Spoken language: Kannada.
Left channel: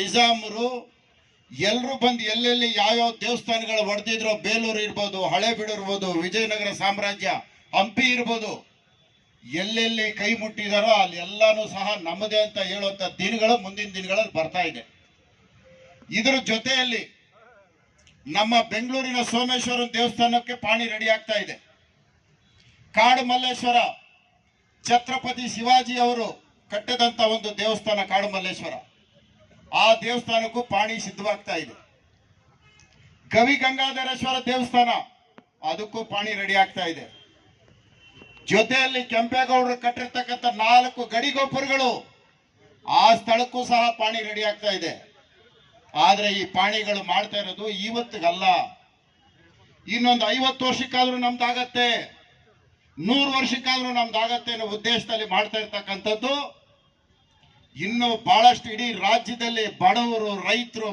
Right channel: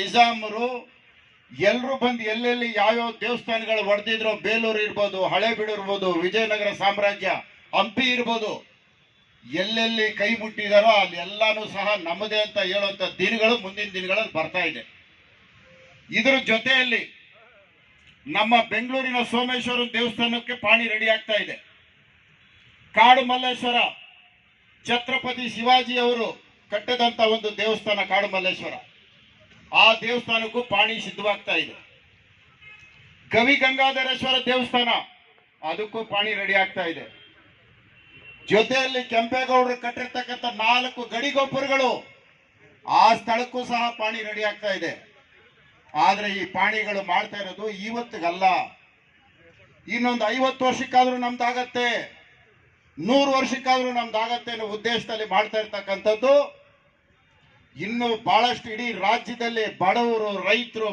ನಿಜಾಮರು ಎಲ್ಲರೂ ಬಂದು ಎಲ್ಲೆಲ್ಲಿ ಯಾವ್ಯಾವ ದೇವಸ್ಥಾನಗಳು ಹೊಡೆದಿದ್ರು, ಬೇಲೂರು ಇರ್ಬೋದು, ಹಳೇಬೀಡು ಇರ್ಬೋದು, ವಿಜಯನಗರ ಸಾಮ್ರಾಜ್ಯ, ಹಂಪಿ ಇರ್ಬೋದು, ಎಲ್ಲೆಲ್ಲಿ ಕೈ ಮುಟ್ಟಿದಾರೋ ಅಲ್ಲಿ ಎಲ್ಲಾನು ಸಹ ನಮ್ಮದೇ ಅಂತ ಹೇಳುವಂತ ದಿನಗಳು ಮುಂದಿನ ದಿನಗಳಲ್ಲಿ ಬರ್ತಾ ಇದೆ. ಇದರ ಜೊತೆಯಲ್ಲಿ ನಮ್ಮ ಬೆಂಗಳೂರಿನ ಸೋಮೇಶ್ವರ ದೇವಸ್ಥಾನಕ್ಕೆ ಪಾಣಿ ರೆಡಿ ಆಗ್ತಾ ಇದೆ. ಕಾಡು ಮಲ್ಲೇಶ್ವರ ಛತ್ರಪತಿ ಶಿವಾಜಿ ಅವರು ಕಟ್ಟದಂತ ಒಂದು ದೇವಸ್ಥಾನ ಕಾಡು ಮಲ್ಲೇಶ್ವರ, ಆ ದೇವಸ್ಥಾನಕ್ಕೂ ಪಾಣಿ ಸಿದ್ಧವಾಗ್ತಾ ಇದೆ. ಗವಿ ಗಂಗಾಧರೇಶ್ವರ ದೇವಸ್ಥಾನ, ಅದಕ್ಕೂ ಪಾಣಿ ರೆಡಿ ಆಗ್ತಾ ಇದೆ. ಜೊತೆಯಲ್ಲಿ ಕೆಂಪೇಗೌಡರು ಕಟ್ಟಿರ್ತಕ್ಕಂಥ 4 ಗಡಿಗೋಪುರಗಳು, ಆ ಸ್ಥಳಕ್ಕೂ ಸಹ ಪಾಣಿ ರೆಡಿ ಆಗ್ತಾ ಇದೆ. ಆದ್ರೆ ಈ ಪಾಣಿಗಳು ಮಾಡ್ತಾ ಇರೋದು ಇವತ್ತಿಗಲ್ಲ, ಇನ್ನೊಂದು 50 ವರ್ಷಕ್ಕಾದ್ರೂ ನಮ್ದಾಗತ್ತೆ, 100 ವರ್ಷಕ್ಕಾದ್ರೂ ನಮ್ದಾಗತ್ತೆ ಅನ್ನೋ ಉದ್ದೇಶದಲ್ಲಿ ಮಾಡ್ತಾ ಇರ್ತಕ್ಕಂಥದ್ದು. ಇನ್ನು ಬಹಳಷ್ಟು ಇಡೀ ರಾಜ್ಯದಲ್ಲಿ ಬಡವರು, ರೈತರು